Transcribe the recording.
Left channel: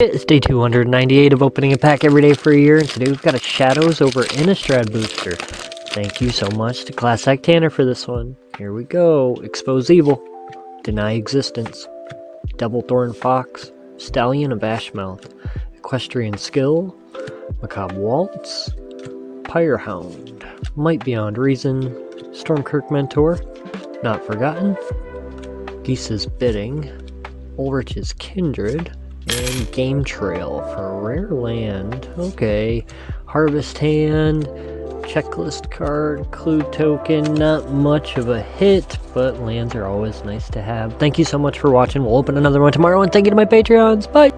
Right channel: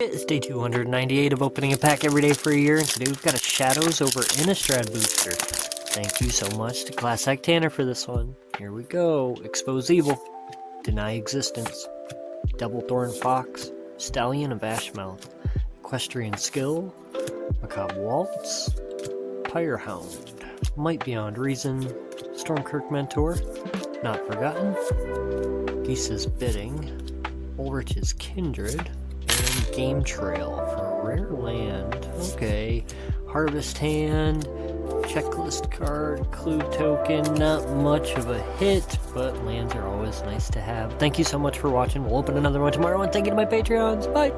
It's day 298 of opening a pack every day for a year, and today we've got a Shadows over Innistrad booster. Thank you so much to Class Act Tanner for this one. Here we go. Expose Evil. Deny Existence. Double Thorn Fox. Stallion of Ashmouth. Equestrian Skill. Macabre Waltz. Pyrehound. Might Beyond Reason. Stormkirk Mentor. Not Forgotten. Geese's Bidding. Ulrich's Kindred. And Game Trail for a rare land. Okay. Harvest Hand, Checklist Card, Clue Token. Not much of a hit, but lands are always nice to have. Thank you so much for watching. We'll open another one tomorrow, and thank you to my Patreons. Bye!